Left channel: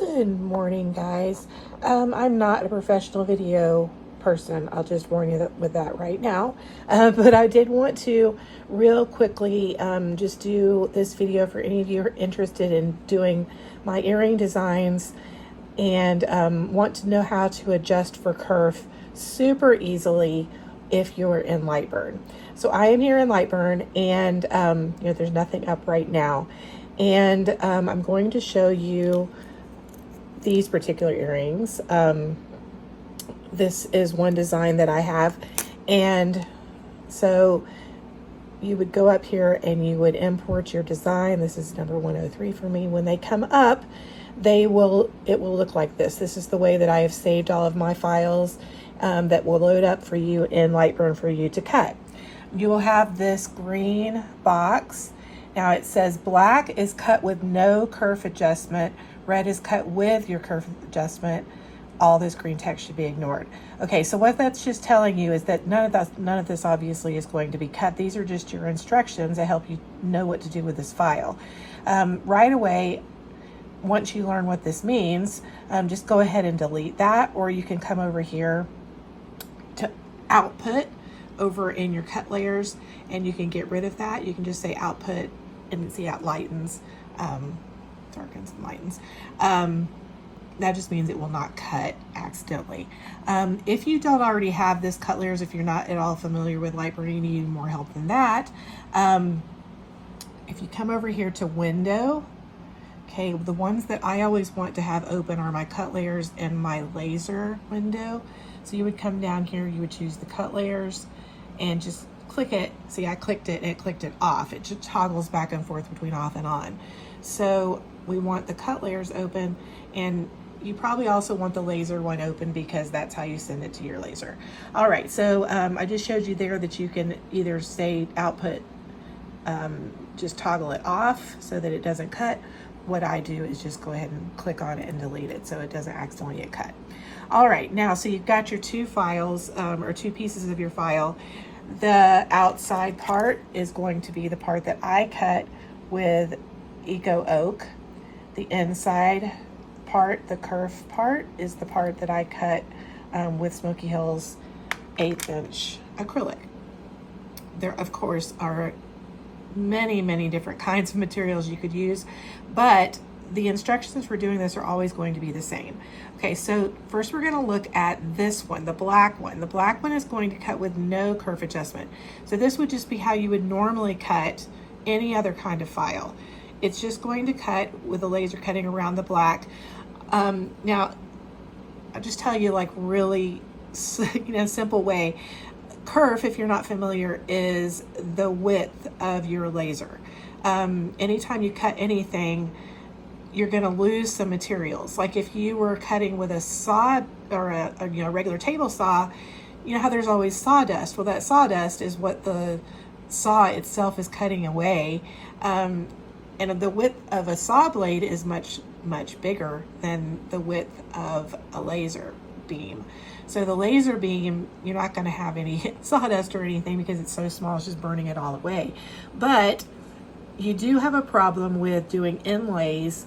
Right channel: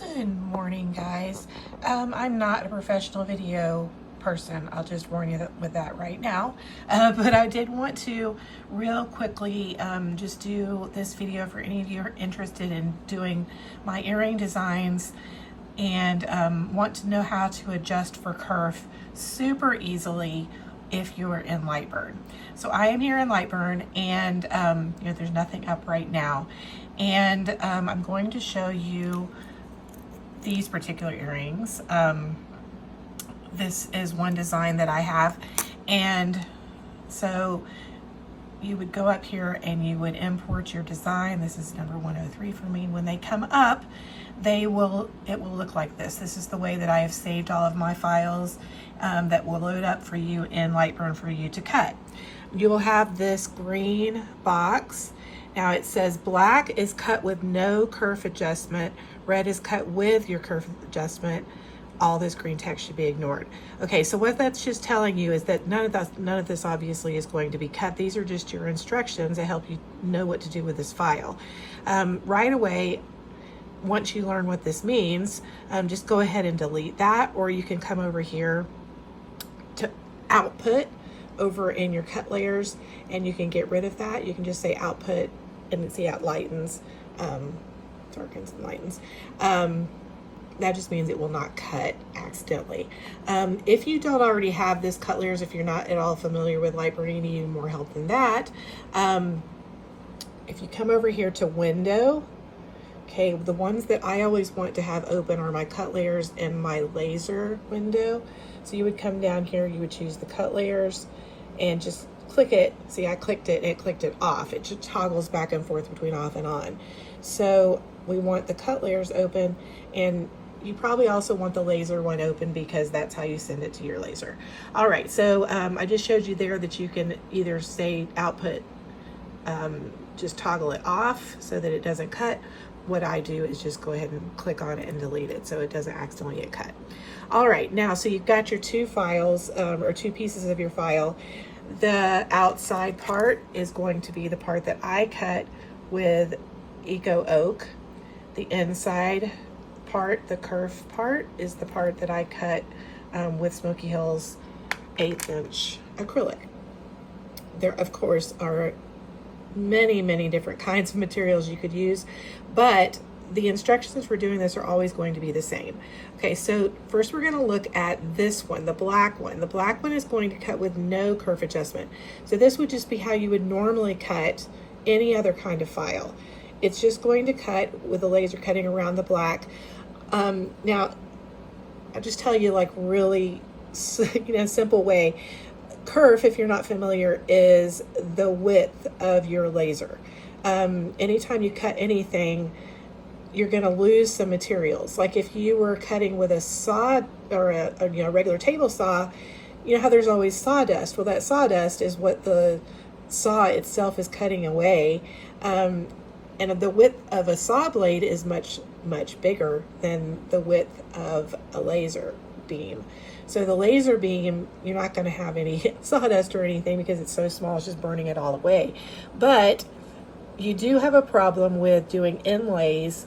Good morning, guys. I'm not a professional video person. I'll just warn you with that right now. But I did want to real quickly just do this video for any of you who are interested in doing my earring designs and want to know how to adjust for kerf super easily if you're in Lightburn. So I am here in Lightburn, and there's nothing up right now. And I'm going to show you these particular earrings. This is one design that I have, and so you would go up here and you would import your design. This is number 103 for me. When they come up, it will look like this. This is the way that I have saved all of my files that will load up for you in Lightburn for you to cut. You will have this green box. Now it says black is cut with no kerf adjustment, red is cut with your kerf adjustment. All this green text should be ignored. Okay, so what that's just telling you is that none of this obviously is going to be cut. These are just your instructions that help you know what to do with this file. Right away, once you learn what this means, just go ahead and delete that, or you can come over here to output over in your cut layers, and you can get rid of that. You can just say output, and see how it lightens, darkens and lightens. That just means it will not cut accidentally. If you don't already have this cut layers, if you're not at all familiar with Lightburn, you need more help than that. If you come over here to window, okay, the ones that I always want to have open are my cut layers and my laser window. So you would come down here, you would choose the cut layers and just click it. See, I clicked it and it clicked it off. It just toggles back and forth between off and on. So we want the cut layers open, and you probably also want the laser one open because that's how you send it to your laser. All right, so I just showed you there that you can either say output, just toggle it off so that it doesn't cut. What I do is just go ahead and click on it and delete it so it doesn't accidentally get cut. All right, now, so you've got your two files, or two pieces of your file. The outside part is going to be the part that I cut with Eco Oak. The inside part, the kerf part, is the part that I cut with Smoky Hills 1/8" acrylic. There, of course, are many different kinds of materials you could use, but the instructions for doing this are always going to be the same. Okay, so first we're going to look at this one, the black one. The black one is going to cut with no kerf adjustment. So this would just be how you would normally cut any other kind of file. It's just going to cut with a laser cutting around the black. Now, I'll just tell you, like, really, simple way. Kerf, if you're not familiar, is the width of your laser. Anytime you cut anything, you're going to lose some materials. Like if you were cutting with a saw or a regular table saw, you know how there's always sawdust. Well, that sawdust is what the saw itself is cutting away. And the width of a saw blade is much bigger than the width of a laser beam. So the laser beam, you're not going to have any sawdust or anything because it's so small, it's just burning it all away. But you do have a problem with doing inlays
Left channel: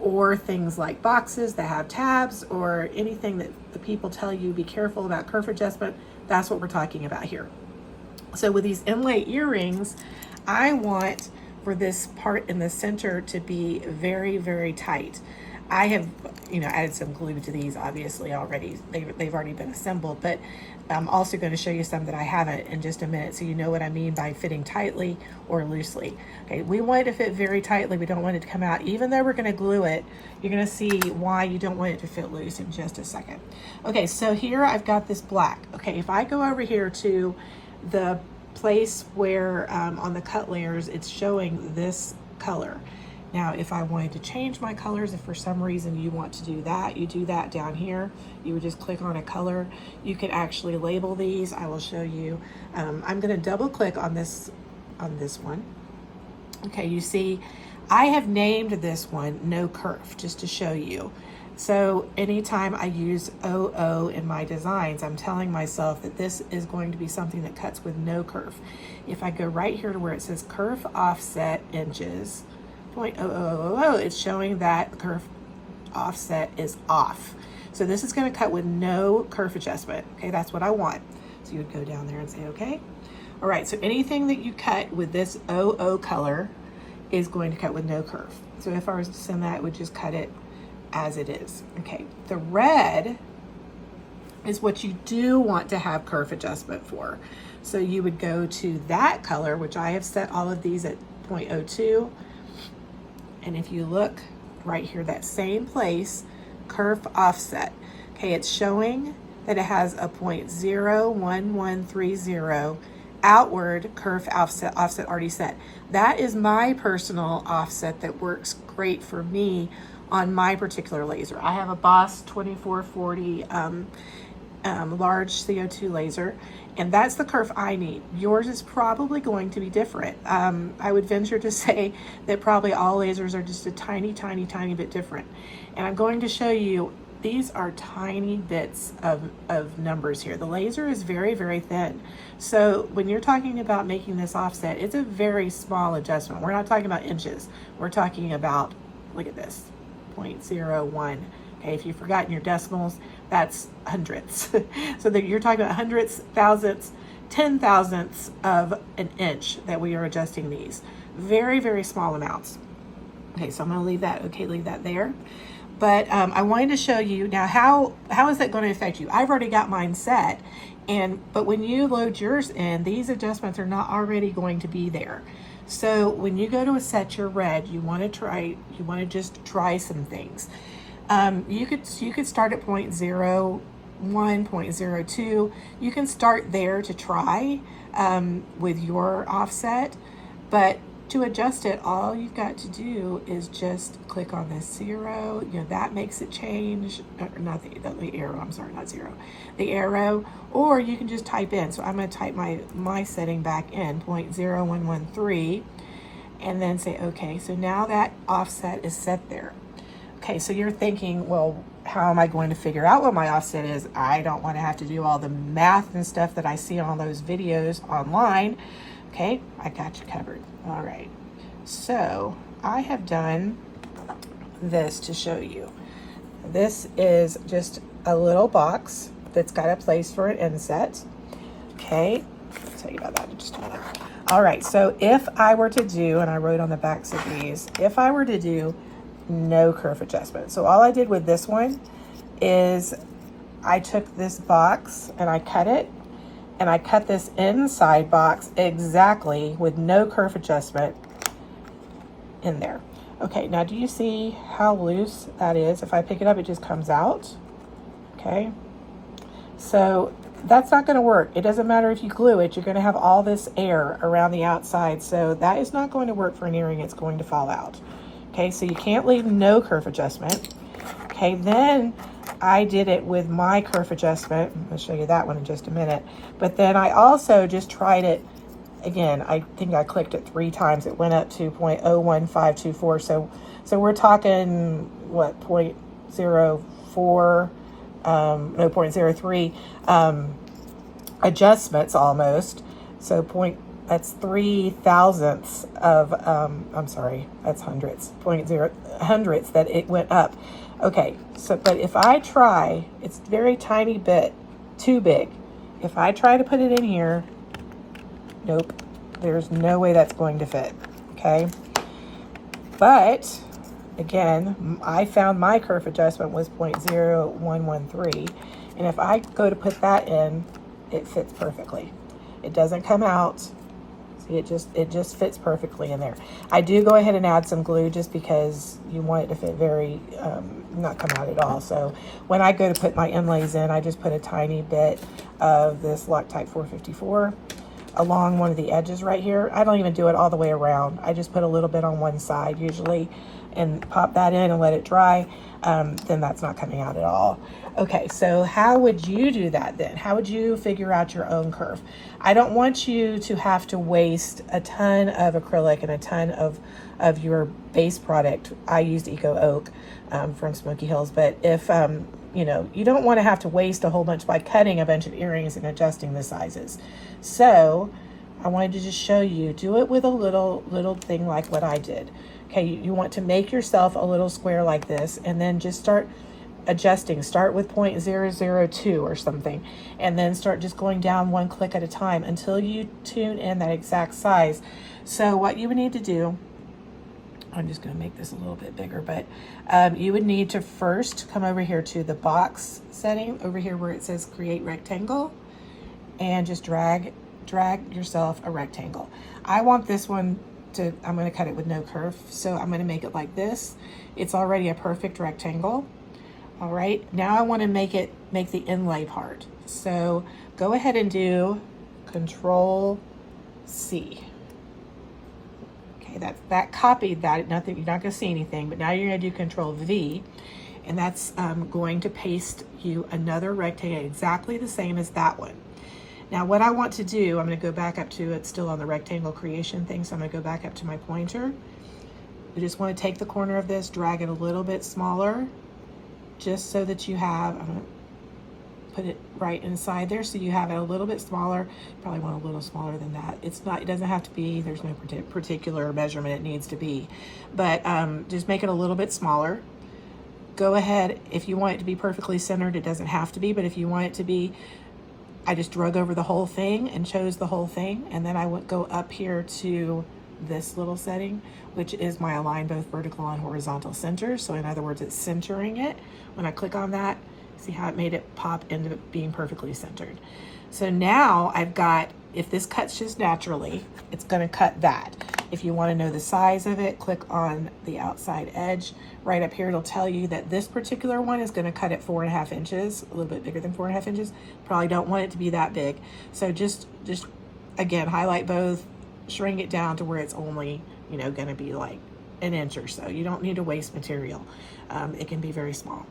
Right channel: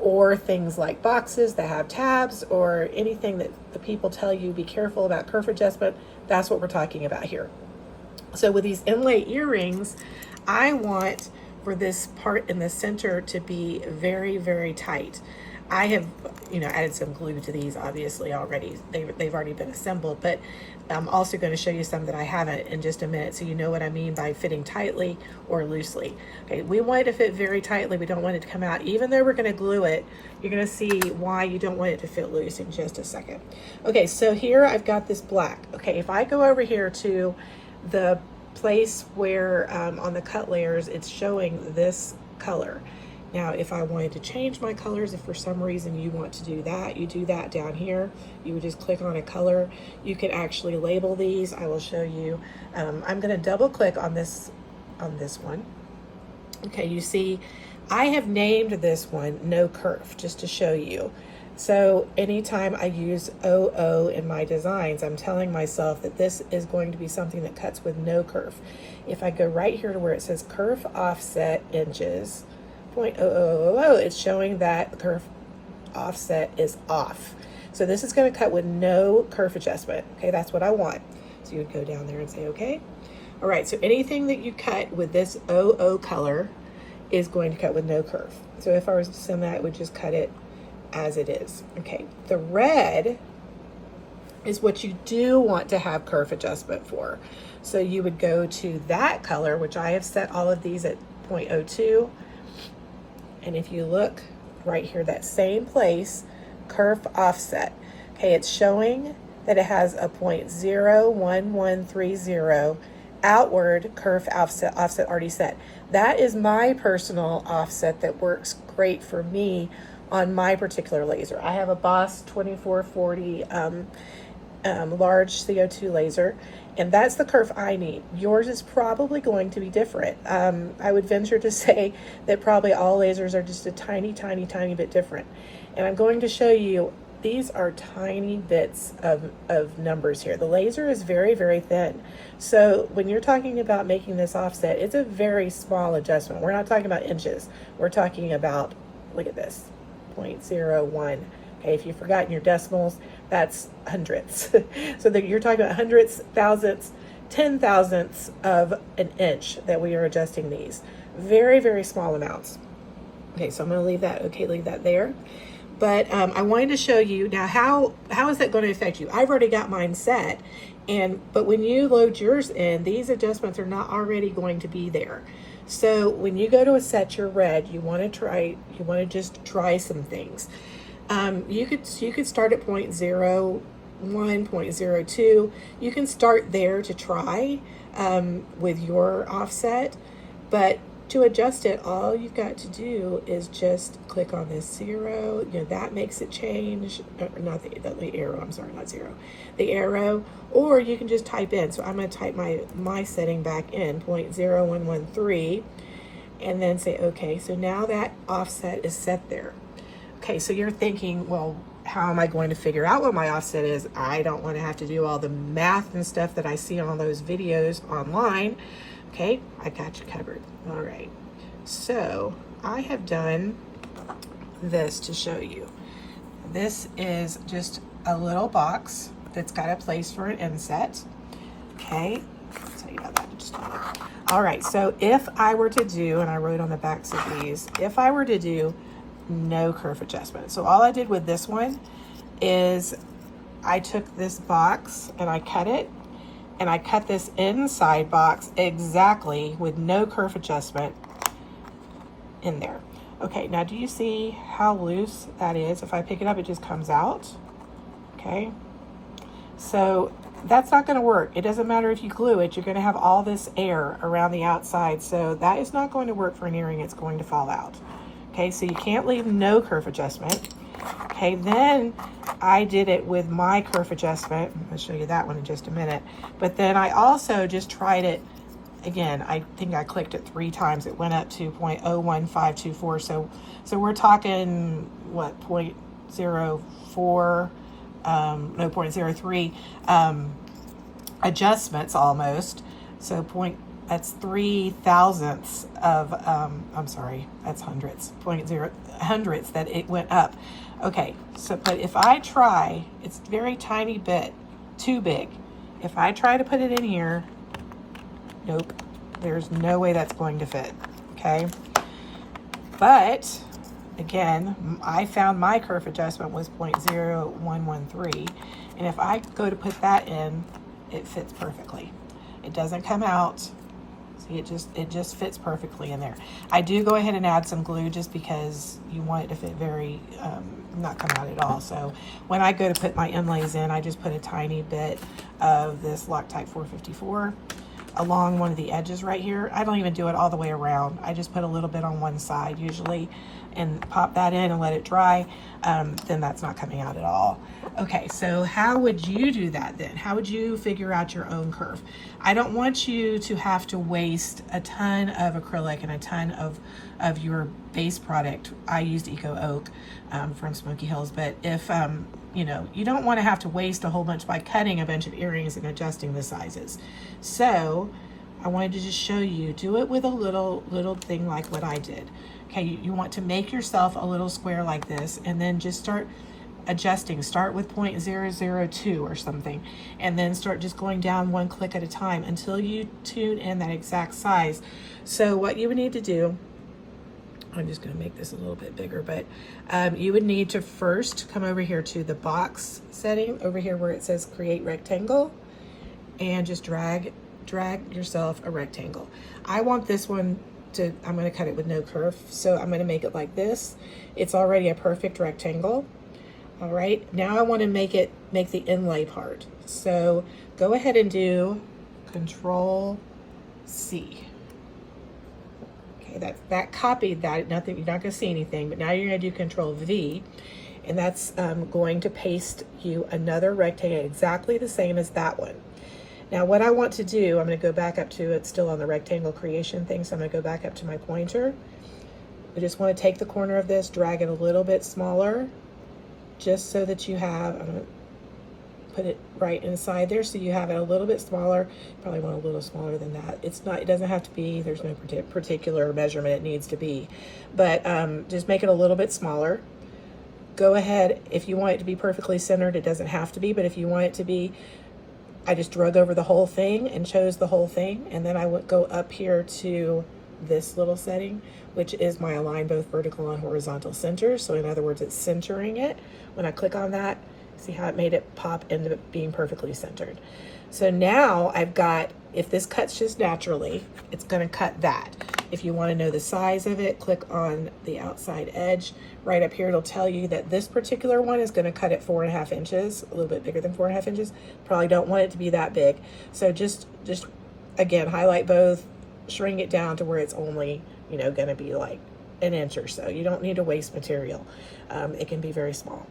or things like boxes that have tabs or anything that the people tell you be careful about kerf adjustment. That's what we're talking about here. So with these inlay earrings, I want for this part in the center to be very tight. I have added some glue to these obviously already. They've already been assembled, but I'm also going to show you some that I haven't in just a minute so you know what I mean by fitting tightly or loosely. Okay, we want it to fit very tightly. We don't want it to come out. Even though we're going to glue it, you're going to see why you don't want it to fit loose in just a second. Okay, so here I've got this black. Okay, if I go over here to the place where on the cut layers it's showing this color. Now, if I wanted to change my colors, if for some reason you want to do that, you do that down here. You would just click on a color. You can actually label these. I will show you. I'm going to double click on this one. Okay, you see, I have named this one No Kerf just to show you. So anytime I use OO in my designs, I'm telling myself that this is going to be something that cuts with no kerf. If I go right here to where it says kerf offset inches, 0.0000, it's showing that the kerf offset is off. So this is going to cut with no kerf adjustment. Okay, that's what I want. So you would go down there and say, okay. All right, so anything that you cut with this 00 color is going to cut with no kerf. So if I was to send that, it would just cut it as it is. Okay, the red is what you do want to have kerf adjustment for. So you would go to that color, which I have set all of these at 0.02. And if you look right here, that same place, kerf offset. Okay, it's showing that it has a 0.01130 outward kerf offset already set. That is my personal offset that works great for me on my particular laser. I have a Boss 2440 large CO2 laser, and that's the kerf I need. Yours is probably going to be different. I would venture to say that probably all lasers are just a tiny bit different. And I'm going to show you, these are tiny bits of numbers here. The laser is very thin. So when you're talking about making this offset, it's a very small adjustment. We're not talking about inches. We're talking about, look at this, 0.01. Okay, if you've forgotten your decimals, that's hundredths. So that you're talking about hundredths, thousandths, 10,000ths of an inch that we are adjusting these. Very small amounts. Okay, so I'm gonna leave that, leave that there. But I wanted to show you now how is that going to affect you. I've already got mine set, but when you load yours in, these adjustments are not already going to be there. So when you go to set your red, you want to just try some things. You could start at 0.01, 0.02. You can start there to try with your offset, but to adjust it, all you've got to do is just click on this 0. You know, that makes it change, not the arrow, I'm sorry, not 0, the arrow, or you can just type in. So I'm going to type my setting back in, 0.0113, and then say okay. So now that offset is set there. Okay, so you're thinking, well, how am I going to figure out what my offset is? I don't want to have to do all the math and stuff that I see on those videos online. Okay, I got you covered. All right, so I have done this to show you. This is just a little box that's got a place for an inset. Okay, I'll tell you about that in just a minute. All right, so if I were to do, and I wrote on the backs of these, if I were to do no kerf adjustment. So all I did with this one is I took this box and I cut it, and I cut this inside box exactly with no kerf adjustment in there. Okay, now do you see how loose that is? If I pick it up, it just comes out. Okay, so that's not going to work. It doesn't matter if you glue it, you're going to have all this air around the outside, so that is not going to work for an earring. It's going to fall out. Okay, so you can't leave no kerf adjustment. Okay, then I did it with my kerf adjustment. I'll show you that one in just a minute. But then I also just tried it again. I think I clicked it 3 times. It went up to 0.01524. So we're talking what, 0.04, no, 0.03 adjustments almost. So that's 3,000ths of, I'm sorry, that's hundredths, hundredths that it went up. Okay, so, but if I try, it's very tiny bit too big. If I try to put it in here, nope, there's no way that's going to fit, okay? But, again, I found my kerf adjustment was 0.0113, and if I go to put that in, it fits perfectly. It doesn't come out. See, it just fits perfectly in there. I do go ahead and add some glue just because you want it to fit very, not come out at all. So when I go to put my inlays in, I just put a tiny bit of this Loctite 454 along one of the edges right here. I don't even do it all the way around. I just put a little bit on one side usually and pop that in and let it dry. Then that's not coming out at all. Okay, so how would you do that then? How would you figure out your own kerf? I don't want you to have to waste a ton of acrylic and a ton of your base product. I used Eco Oak from Smoky Hills, but if you know, you don't want to have to waste a whole bunch by cutting a bunch of earrings and adjusting the sizes. So I wanted to just show you, do it with a little thing like what I did. Okay, you want to make yourself a little square like this, and then just start adjusting. Start with 0.002 or something, and then start just going down one click at a time until you tune in that exact size. So what you would need to do, I'm just going to make this a little bit bigger, but you would need to first come over here to the box setting, over here where it says create rectangle, and just drag yourself a rectangle. I want this one to, I'm going to cut it with no kerf, so I'm going to make it like this. It's already a perfect rectangle. All right, now I want to make the inlay part. So go ahead and do Control C. Okay, that copied that. Nothing, you're not going to see anything, but now you're going to do Control V, and that's going to paste you another rectangle exactly the same as that one. Now what I want to do, I'm going to go back up to, it's still on the rectangle creation thing, so I'm going to go back up to my pointer. I just want to take the corner of this, drag it a little bit smaller, just so that you have, I'm going to put it right inside there so you have it a little bit smaller. Probably want a little smaller than that. It's not, it doesn't have to be, there's no particular measurement it needs to be, but just make it a little bit smaller. Go ahead, if you want it to be perfectly centered, it doesn't have to be, but if you want it to be, I just drug over the whole thing and chose the whole thing, and then I would go up here to this little setting, which is my align both vertical and horizontal centers. So in other words, it's centering it. When I click on that, see how it made it pop into being perfectly centered. So now I've got, if this cuts just naturally, it's going to cut that. If you want to know the size of it, click on the outside edge. Right up here, it'll tell you that this particular one is going to cut at 4.5 inches, a little bit bigger than 4.5 inches. Probably don't want it to be that big. So just again, highlight both, shrink it down to where it's only, you know, going to be like an inch or so. You don't need to waste material. It can be very small.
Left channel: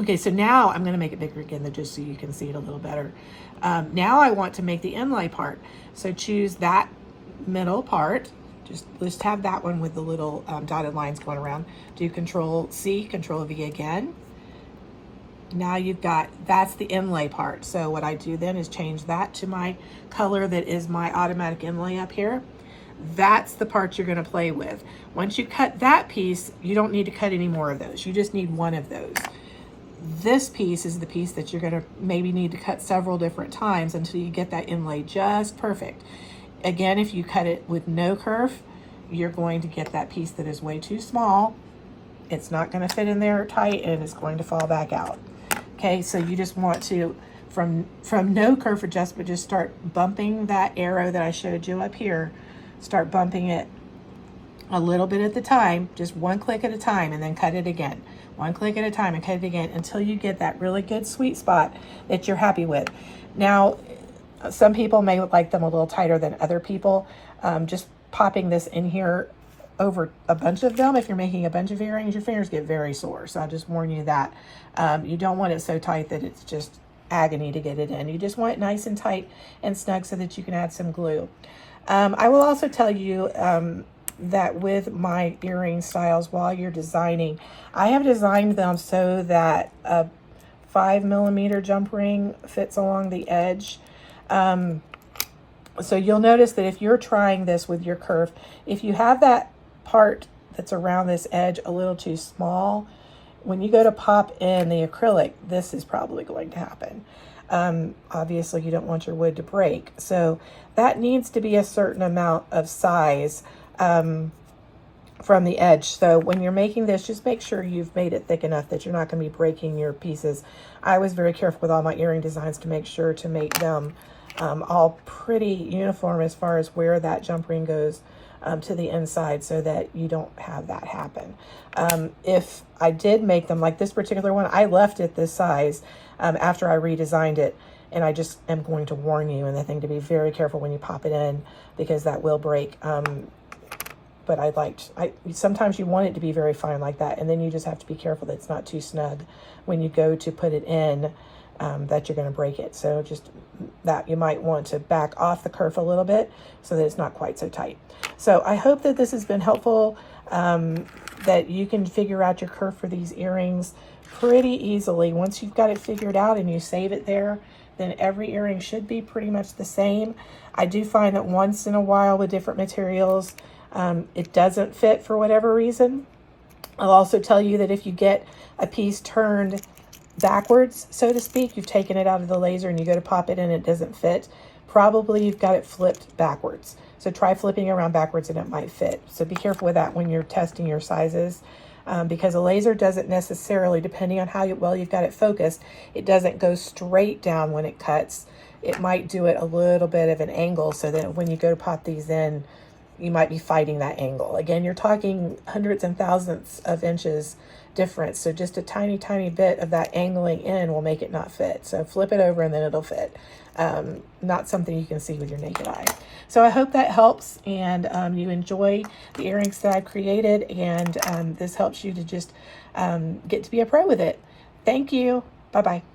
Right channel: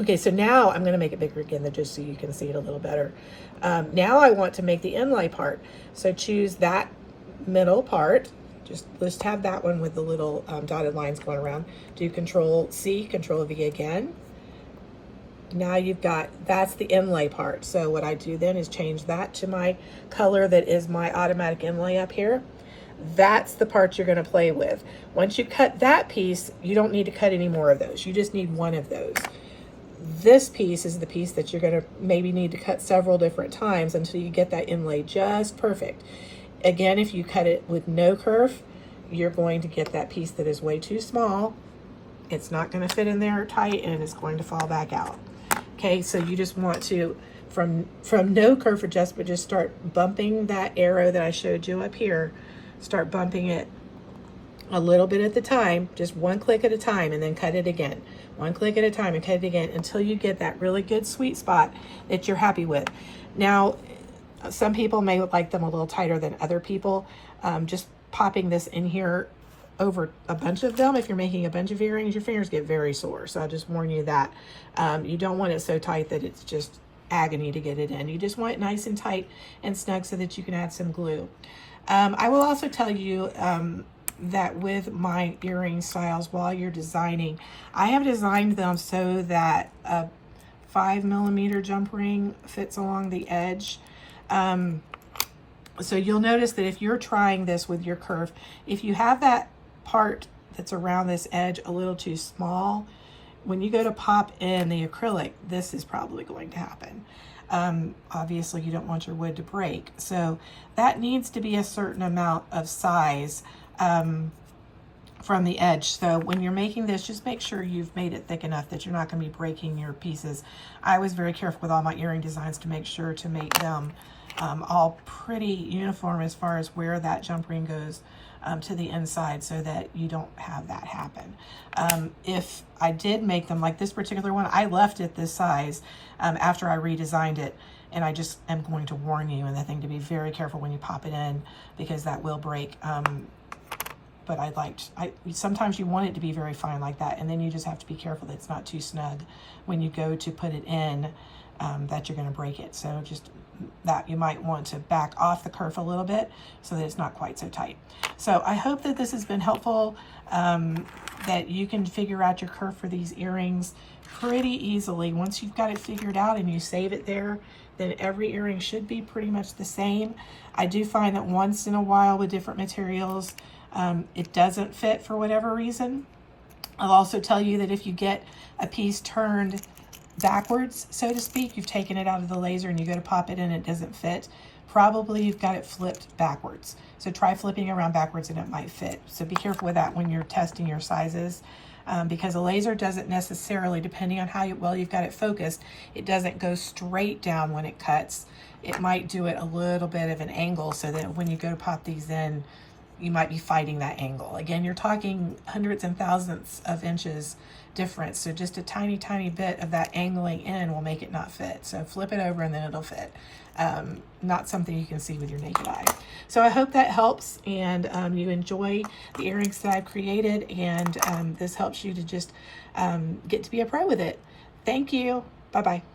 Okay, so now I'm going to make it bigger again, just so you can see it a little better. Now I want to make the inlay part. So choose that middle part. Just have that one with the little dotted lines going around. Do Control C, Control V again. Now you've got, that's the inlay part. So what I do then is change that to my color that is my automatic inlay up here. That's the part you're going to play with. Once you cut that piece, you don't need to cut any more of those. You just need one of those. This piece is the piece that you're going to maybe need to cut several different times until you get that inlay just perfect. Again, if you cut it with no kerf, you're going to get that piece that is way too small. It's not going to fit in there tight, and it's going to fall back out. Okay, so you just want to, from no kerf adjustment, just start bumping that arrow that I showed you up here. Start bumping it a little bit at the time, just one click at a time, and then cut it again. One click at a time and cut it again until you get that really good sweet spot that you're happy with. Now, some people may like them a little tighter than other people. Just popping this in here over a bunch of them, if you're making a bunch of earrings, your fingers get very sore. So I'll just warn you that. You don't want it so tight that it's just agony to get it in. You just want it nice and tight and snug so that you can add some glue. I will also tell you that with my earring styles, while you're designing, I have designed them so that a 5mm jump ring fits along the edge. So you'll notice that if you're trying this with your kerf, if you have that part that's around this edge a little too small, when you go to pop in the acrylic, this is probably going to happen. Obviously you don't want your wood to break. So that needs to be a certain amount of size from the edge. So when you're making this, just make sure you've made it thick enough that you're not going to be breaking your pieces. I was very careful with all my earring designs to make sure to make them all pretty uniform as far as where that jump ring goes to the inside, so that you don't have that happen. If I did make them like this particular one, I left it this size after I redesigned it, and I just am going to warn you and the thing to be very careful when you pop it in, because that will break. But sometimes you want it to be very fine like that, and then you just have to be careful that it's not too snug when you go to put it in, that you're going to break it. So just that you might want to back off the kerf a little bit so that it's not quite so tight. So I hope that this has been helpful. that you can figure out your kerf for these earrings pretty easily. Once you've got it figured out and you save it there, then every earring should be pretty much the same. I do find that once in a while with different materials, it doesn't fit for whatever reason. I'll also tell you that if you get a piece turned backwards, so to speak, you've taken it out of the laser and you go to pop it in, it doesn't fit, probably you've got it flipped backwards. So try flipping around backwards and it might fit. So be careful with that when you're testing your sizes, because a laser doesn't necessarily, depending on how well you've got it focused, it doesn't go straight down when it cuts. It might do it a little bit of an angle so that when you go to pop these in, you might be fighting that angle. Again, you're talking hundreds and thousands of inches difference. So just a tiny, tiny bit of that angling in will make it not fit. So flip it over and then it'll fit. Not something you can see with your naked eye. So I hope that helps, and you enjoy the earrings that I've created, and this helps you to just get to be a pro with it. Thank you. Bye-bye.